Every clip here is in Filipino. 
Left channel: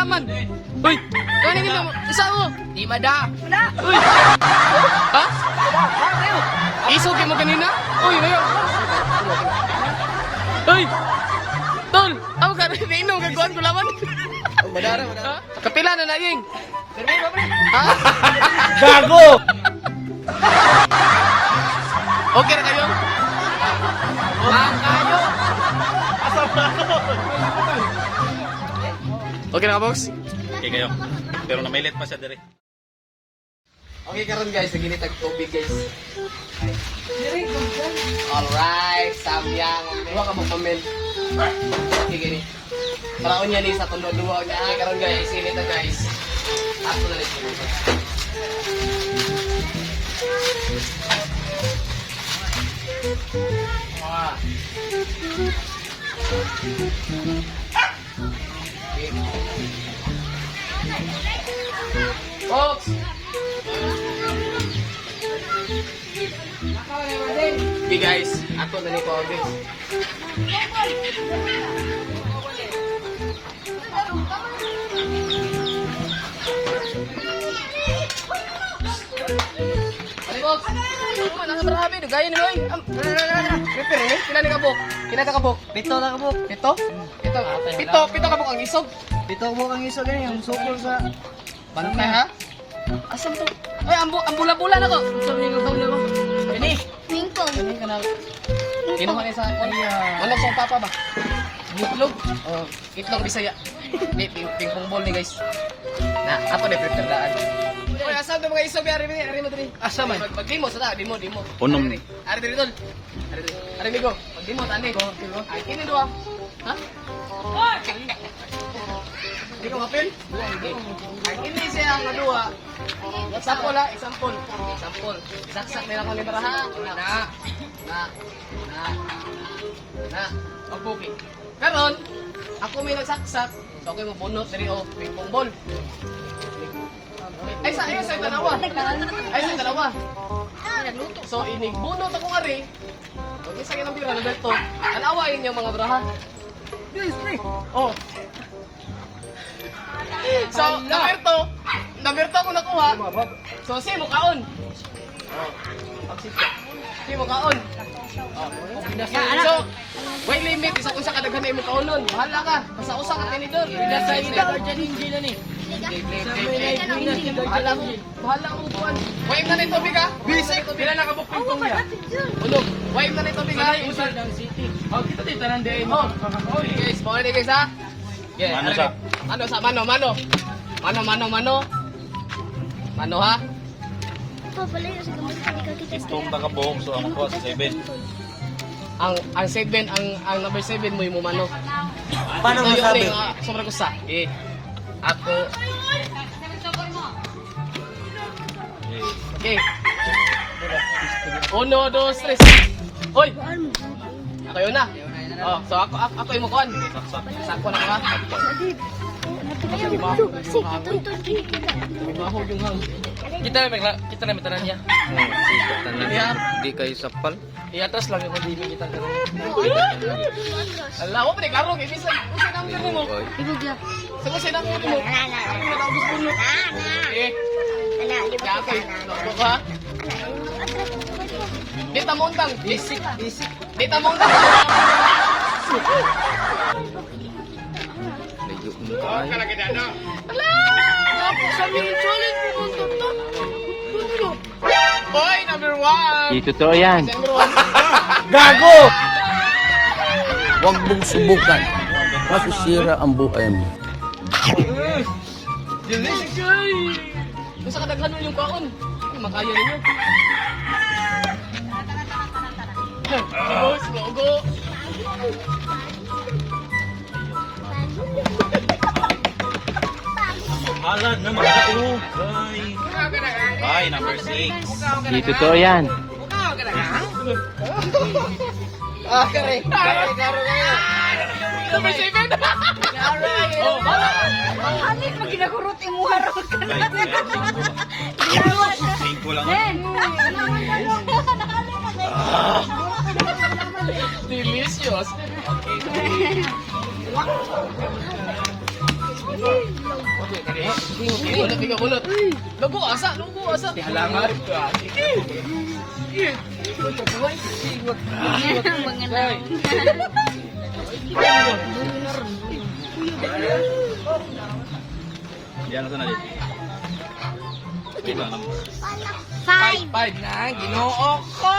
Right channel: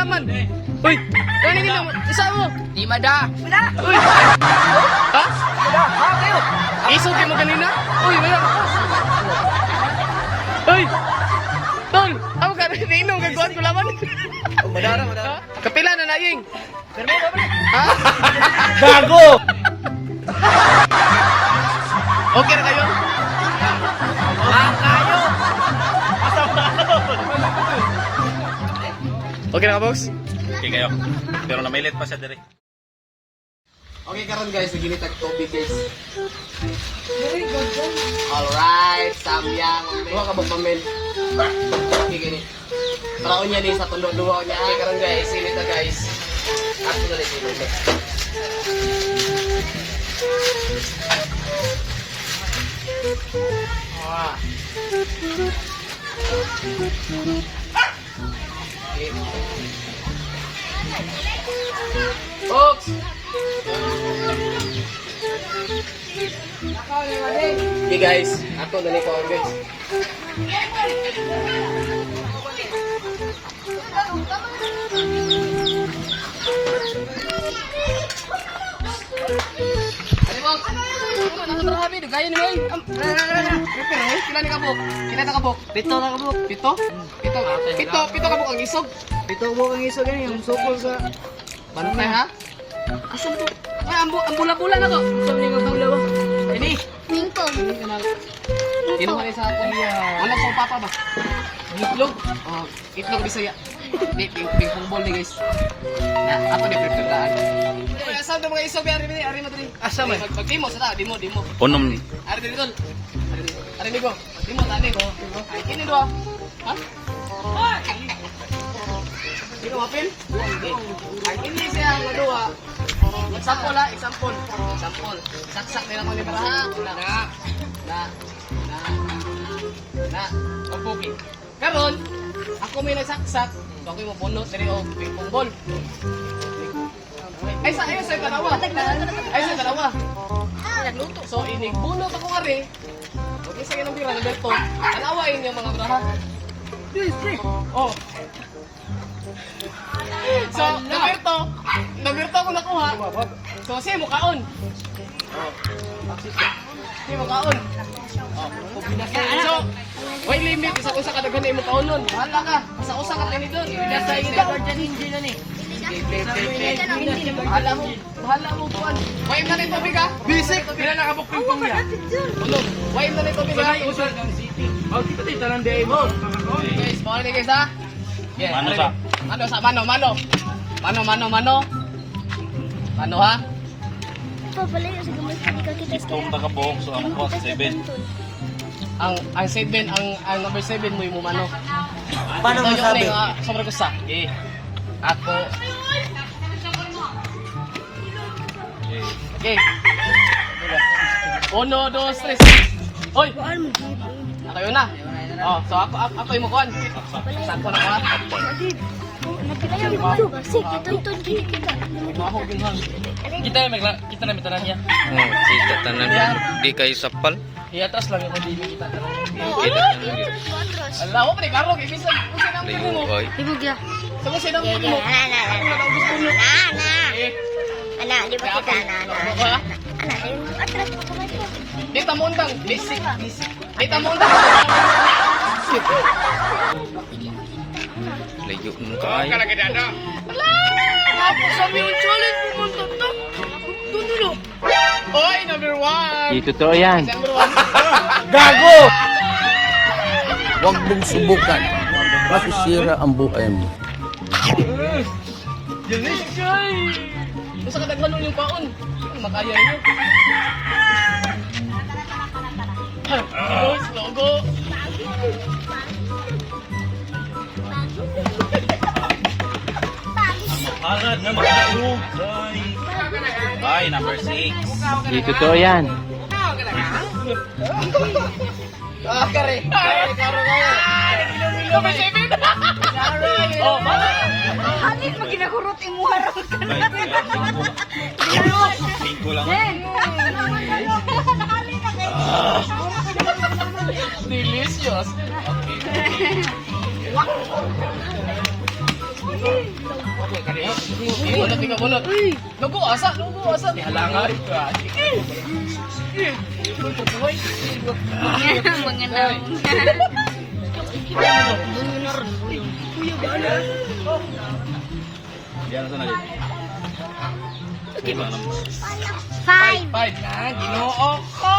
Kulaman. Uy, kanin gina mo. Isa mo. Di mada. Uy. Ha? Isog mo kanina? Uy, mayo. Uy. Tol, ako ka rin inom kagawan kulaman. Madara. Ha? Kapila na naing. Pero ba? Ha? Gago! Okay na kayo? Kayo. Okay na ka, boss? Okay kayo. Pero namailit pa siya dire. Okay karon guys, naginitag tubig guys. Alright, samyang. Diba ka bukmamen? Okay, gini. Paraon niya ni sa tundo-duwa niya. Okay karon guys, sinita guys. Ako na rin sinita. Folks! Okay guys, ato na ni ko guys. Nakatarabi, gaya ni Moy. Kila ni kabuk? Kila ka kabuk? Pito na kabuk. Pito? Pito kabuk ang isog. Pito kabuk ang iso gani yung sukol sa Bantay ha? asan po? Ay, ang bula-bula na to. Sa ni mo daw. Ini. Mingkong. Ini kanal. Sino ka sa ano pang papa ba? Itlog? Oh, itlog Bisaya. Di ping ball ni guys. Na, apa na prepare. Oy, asa mga isog ari mo diri. Asa man? Pag-demo sa demo. Unom ni. Ari diri dun. Ari migo. Demo tani ko. Ini do. Ha? Oy! Di ko mapin? Ini siya ang dua. Example ha, example. Saksak nila ko ni Baraha. Na. Pagbuki. Karon, ako may nagsaksak. So ako yung mabunot na rin o ping ball. Ay sa dalawa. So inigbunot ako nga rin. Huwag isa ng tira, Roberto. Anawain niyo mga Baraha. Oh. So, Roberto ako nakuha. So, siya mukaon. Siya mukaon. So, wait limit. Isa-usa ka daghan mo kaon nun. Bahala ka. Isa-usa ka tani doon. Bahala mo buwan. Wait na rin tubig ha. Bisik. Pila na kabuk ping pong niya. Unog. Wait na rin tubig ha. Oh, kita di tanan di mo. Guys, bawal na guys ha. Yeah, Mano siya? Mano ha? Pabalik sa gumawa dito kita Itong tagabuhok so ang ko sa 7. Ang 7, ang number 7 mo yung mano. Paano masabi? Sobrang gusto. Ako. Okay. 1, 2, 3. Hoy. Ako yun na. Oh, so ako yung mukuan. Saan ko na ka? Mahog yung hang. Kita na may tanan niya. Oh, kita tanan di kayo sapal. Iatas lang yung dili kita. Kita tanan yun. Allah, ako pa ni Karo, kaya minsan usin ang dili mo. Oy. Ibog ya. Sama siya ng mo. Ako na lang gusto mo. Ana, di ba Okay. kita Ha? Dita mo undang. Basic. Dita mo undang. Layo mo kaayo. Tapos kami yung challenge ni Montoto. Hoy, number 1. Ito to yan. Number 1. Gago! Huwag mong subukan. Masisira ang buhay mo. Delicious guy. Kung sa kadaghan yung kaon. Makaya niyo. Logo. Halad na mga Bye, number 6. Ito to yan. Kare. Karo kayo. Number 7. Oh, bala. Hanip pag ginakurot imuha ra ka na. Singko lang. Delicious. Okay. Bulot, ikaw, bulot. Lugo, asa, lugo, asa. Halangan. Mga naon. Yan na sana din. Iba naman. Five. Five na, ginoo ko.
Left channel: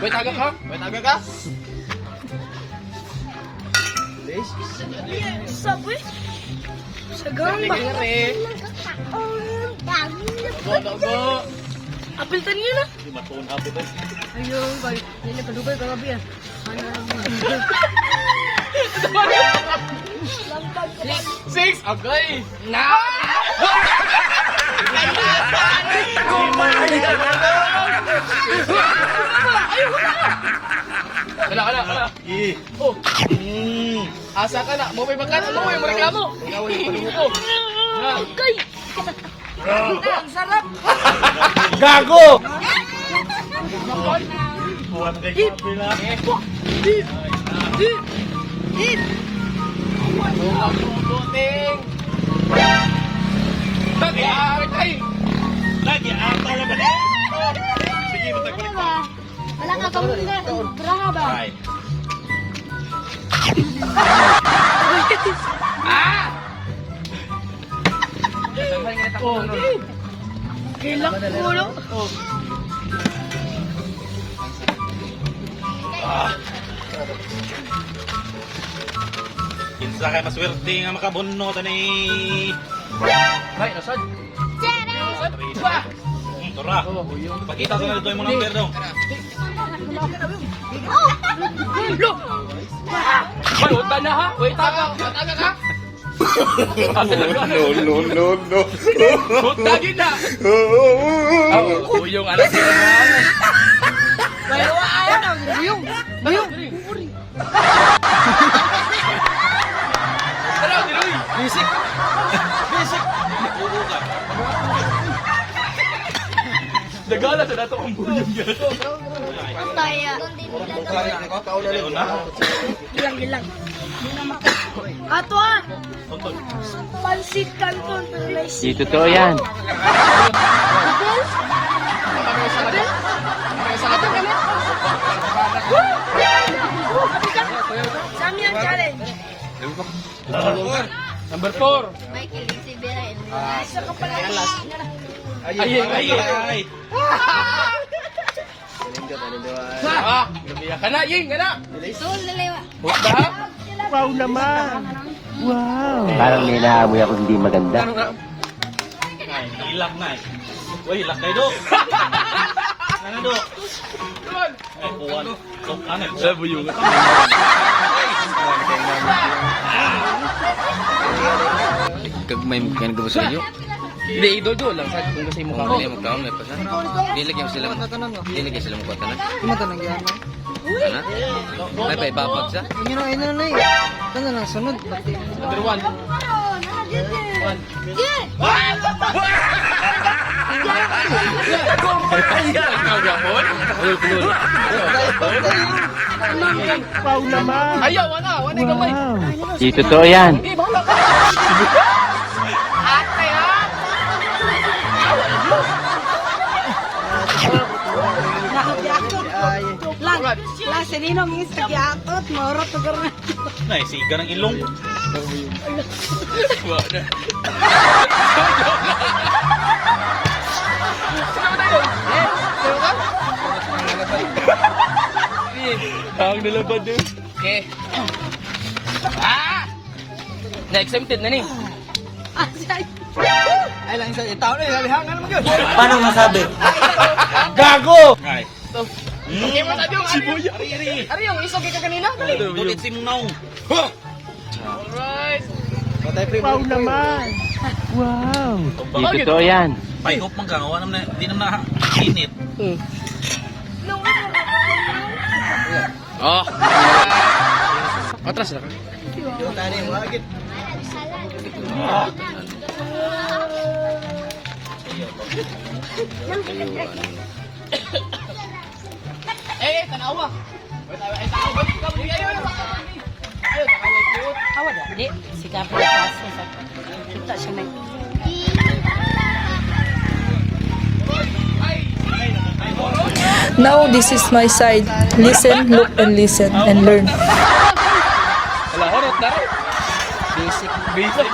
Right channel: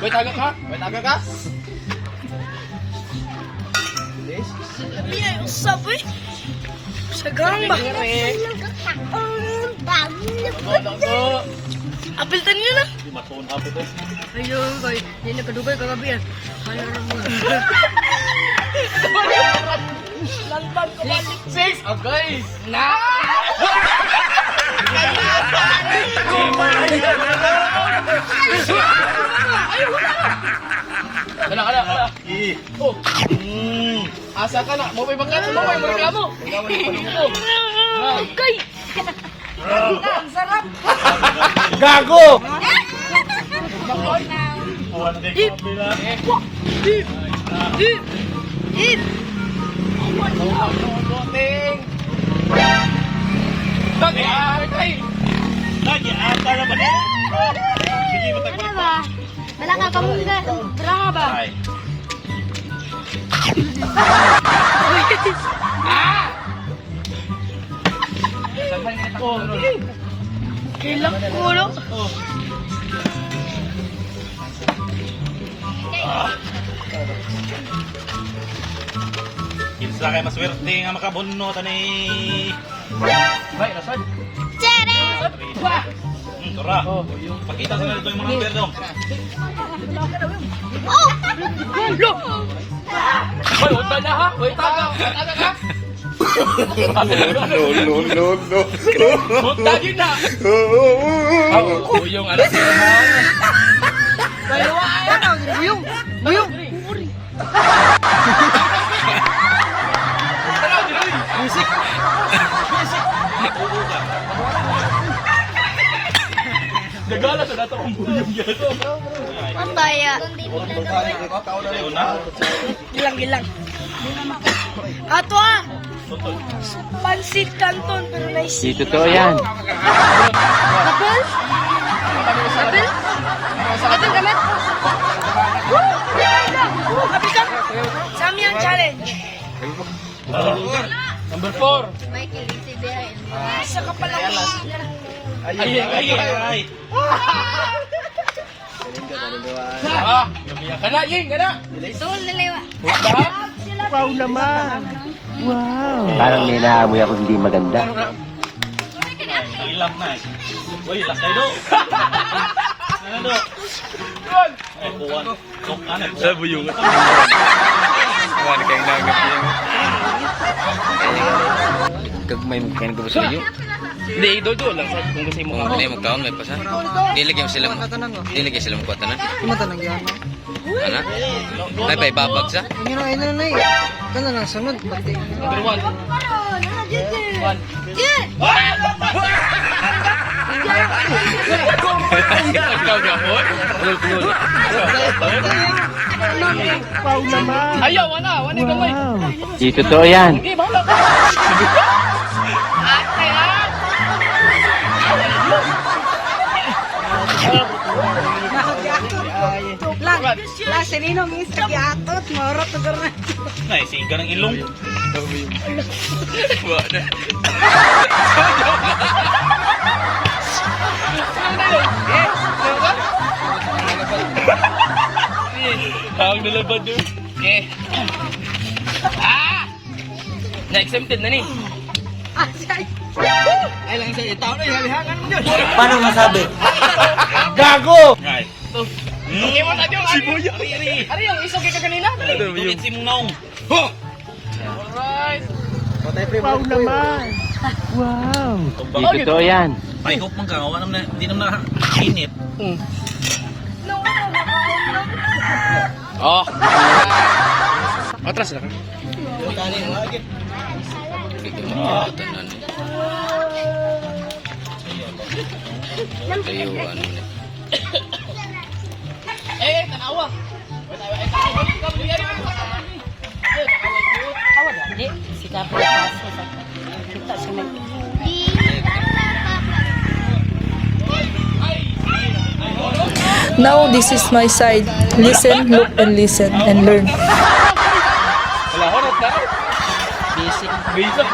Wait, agak ha? Wait, agak ka? Sabi? Sagang ba? Go. Apiltan niyo na. Di matuon hapit eh. Ayun, kay. Hindi na kadugay kagabi yan. Ano na mo. 6, okay. Na. Kala. Oh. Asa ka na? Mo may bakat, mo may reklamo. Okay. Ang sarap. Gago! Buwan kay Bila. Lagi apa na ba ni? Sige matag Ano ba? Wala ka kamunda. Berapa ba? Ay. Hilak ulo. Kinsa kay maswerte nga makabunno tani. Right, nasad. Chere. Tora. Pakita sa nito yung mga number dong. Wait na ha? Wait agak ka? No. Buta yun na. Oh, yung anak niya naman. Buyong! Music. Nagala sa dato ang bulan gato. Ang kaya. Gilang. Ato pansit canton pero nice. Di totoo yan. Apple? Ato gamit? Samyang challenge. Number 4. Michael Isabela. Sa kapalayan. Ay. Kana ying kana. Sul nalewa. Ba? Parang may naamoy ako hindi maganda. Ilak na eh. Uy, ilak kayo do. Ano do? Yun. Ay, buwan. Sok ano? Sa buyungan. Kumain kayong nangit yung... Kagmay mo kayo nagabas sa inyo. Hindi, idol lang. Kung kasi mo Kung hindi magkaon, may pasa. Dilagyan sila mo. Dilagyan sila mo kwa tanan. Ima tanang yan. Ano? May pa ibabag sa? Ino na eh. Tanang lang sunod. Bati. Number 1. Ayaw, wala gamay. Di totoo yan. Hindi, bahala ka. Ate lang. Lang sininong yung sagiatot, marot na karna. Nay, siga ng ilong. Wala. Ang nalabad yun. Okay. Na-exempted na ni. Ay lang isa. Tao na halihangan mo yun. Paano masabi? Gago! Ay. Okay mo tayo. Sibuya. Ari yung isog ka kanina. Tulit si Mungaw. Alright. Wow naman. Di totoo yan. Ay, hope man ka. Wala naman na, di naman init. Oh. Atras na ka. Tayo, ano. Eh, tanawa. Awad ya? Di, si Kapo kasi sa kita siya may Now this is my side. Listen, look, and listen, and learn. Wala, horot na. Basic. Basic.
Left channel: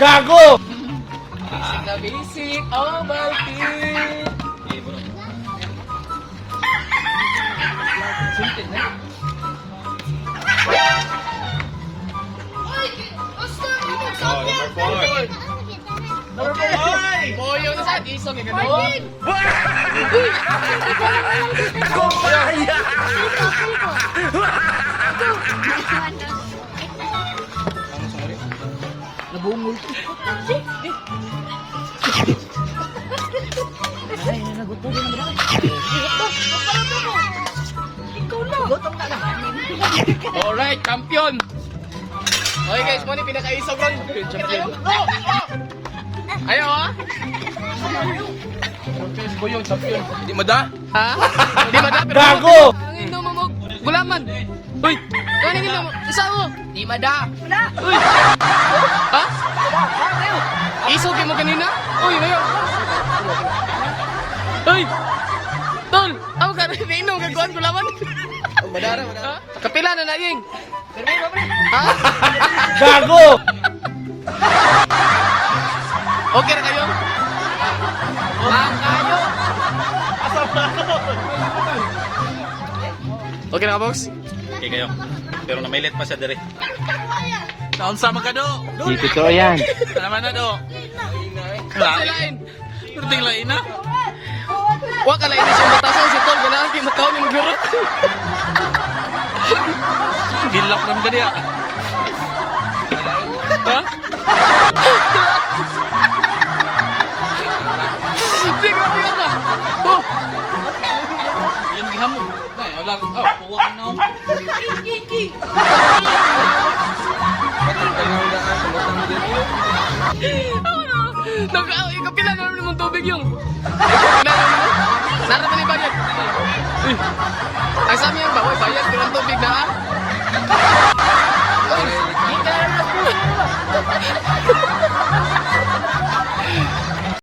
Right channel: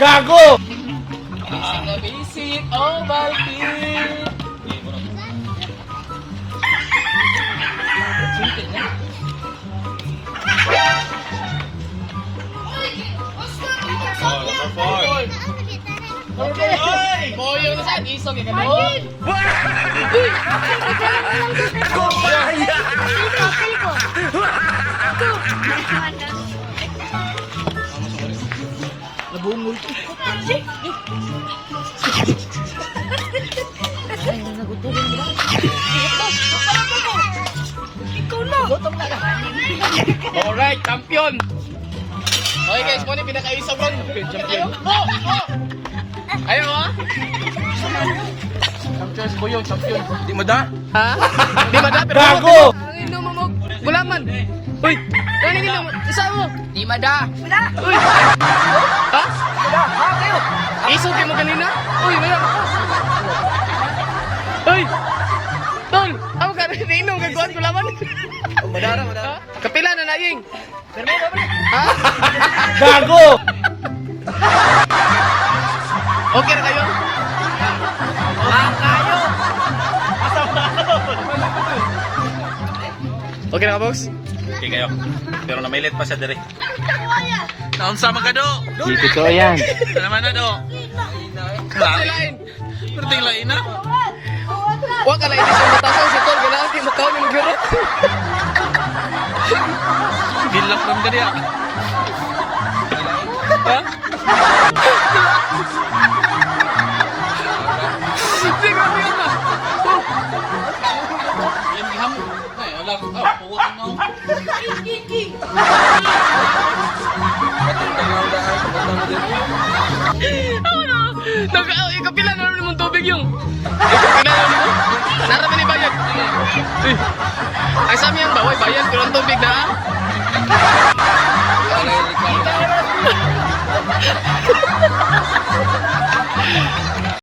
Gago! Basic na basic. Oh, Balkin. Suntit na. Boyong sa isog ka do. Nabungol. ay naguto din na. Alright, champion. Okay guys, mo ni pinakaisog ron. Champion. Go! Go! Ayo ha. Champion si Boyong, champion. Di mada? Ha? Di mada pero Gago! ang ino mo gulaman. Uy, kaning ino mo. Isa mo. Di mada. Uy. Ha? Ha kayo. Isog mo kanina? Uy, ngayon. Uy. Tol, ako ka rin inom kagawan gulaman. Madara. Kapila na naing. Ha? Gago! Okay na kayo? Kayo! Okay na ka, boss? Okay kayo. Pero namailit pa siya dire. Naon sa mga do? Dito to yan. Naman na do. Lain. Pero tinglain na. Huwag ka lang inisang batasan si Tol. Ganahan kayo matawag ng guro. Gilak ram ka diya. Ha? Hindi, grabe yan na. Yan gihamo. Ay, wala. Oh, puwa ka no. Ikapila na naman mong tubig yung. Ikapila na naman mo. Naraman ni bayad. Uy. Ang sa amin yung baway bayad. Pero ang tubig na ha.